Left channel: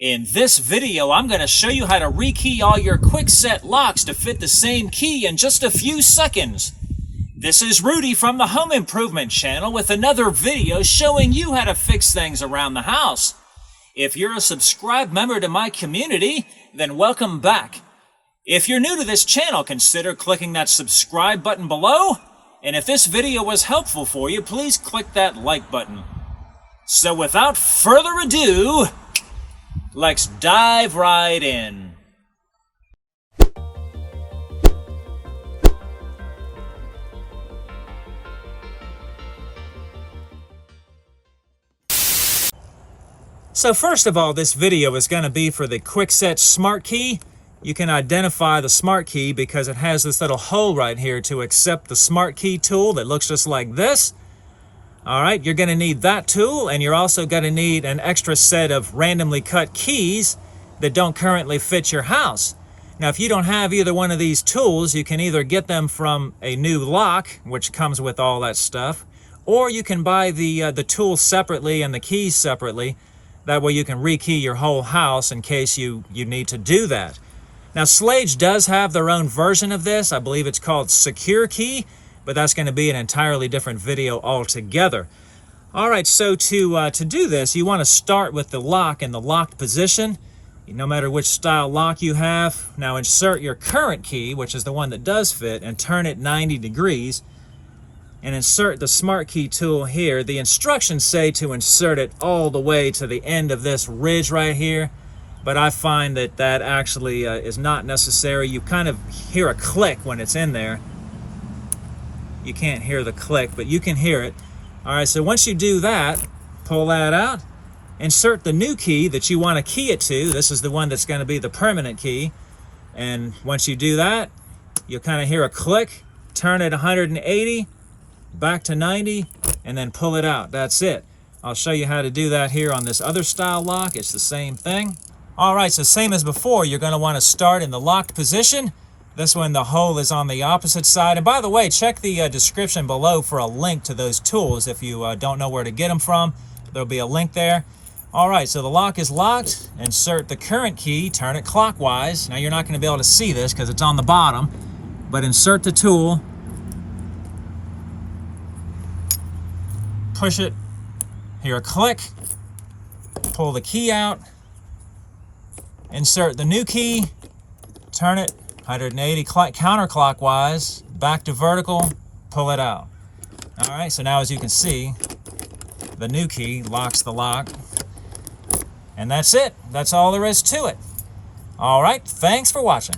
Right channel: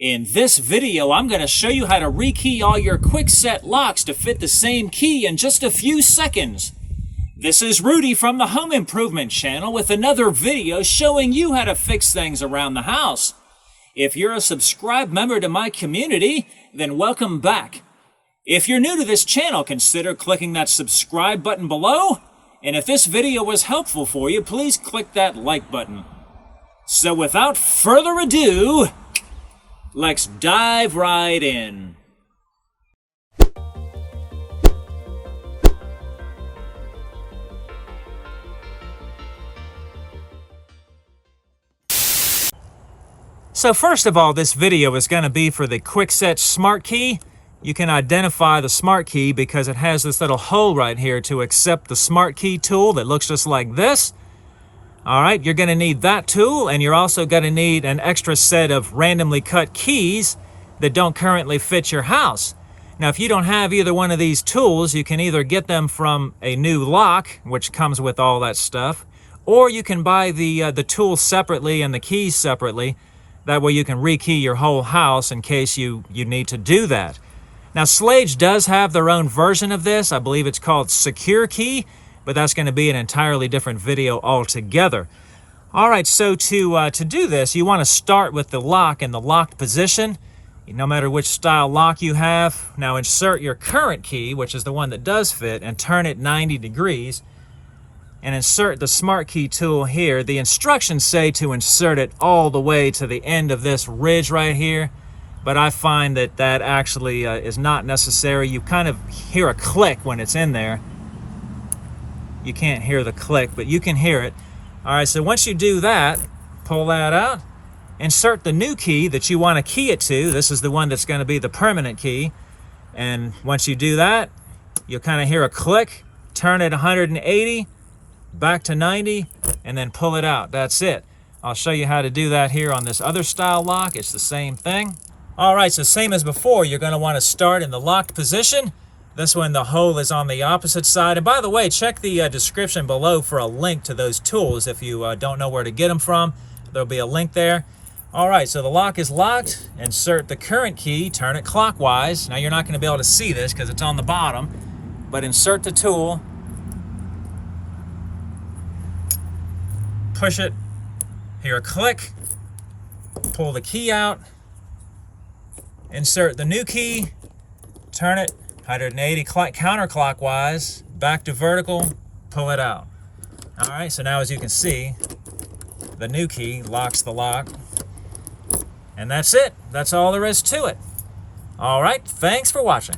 In this video, I'm going to show you how to rekey all your Kwikset locks to fit the same key in just a few seconds. This is Rudy from the Home Improvement channel with another video showing you how to fix things around the house. If you're a subscribed member to my community, then welcome back. If you're new to this channel, consider clicking that subscribe button below. And if this video was helpful for you, please click that like button. So without further ado, let's dive right in. So first of all, this video is going to be for the Kwikset Smartkey. You can identify the Smartkey because it has this little hole right here to accept the Smartkey tool that looks just like this. Alright, you're going to need that tool, and you're also going to need an extra set of randomly cut keys that don't currently fit your house. Now, if you don't have either one of these tools, you can either get them from a new lock, which comes with all that stuff, or you can buy the tools separately and the keys separately. That way you can rekey your whole house in case you need to do that. Now, Slage does have their own version of this. I believe it's called Secure Key, but that's going to be an entirely different video altogether. All right, so to do this, you want to start with the lock in the locked position, no matter which style lock you have. Now insert your current key, which is the one that does fit, and turn it 90 degrees, and insert the Smartkey tool here. The instructions say to insert it all the way to the end of this ridge right here, but I find that that actually is not necessary. You kind of hear a click when it's in there. You can't hear the click, but you can hear it. All right, so once you do that, pull that out, insert the new key that you want to key it to. This is the one that's going to be the permanent key. And once you do that, you'll kind of hear a click, turn it 180, back to 90, and then pull it out. That's it. I'll show you how to do that here on this other style lock. It's the same thing. All right, so same as before, you're going to want to start in the locked position. This one, the hole is on the opposite side. And by the way, check the description below for a link to those tools if you don't know where to get them from. There'll be a link there. All right, so the lock is locked. Insert the current key, turn it clockwise. Now you're not going to be able to see this because it's on the bottom, but insert the tool, push it, hear a click, pull the key out, insert the new key, turn it 180 counterclockwise, back to vertical, pull it out. All right, so now as you can see, the new key locks the lock. And that's it. That's all there is to it. All right, thanks for watching.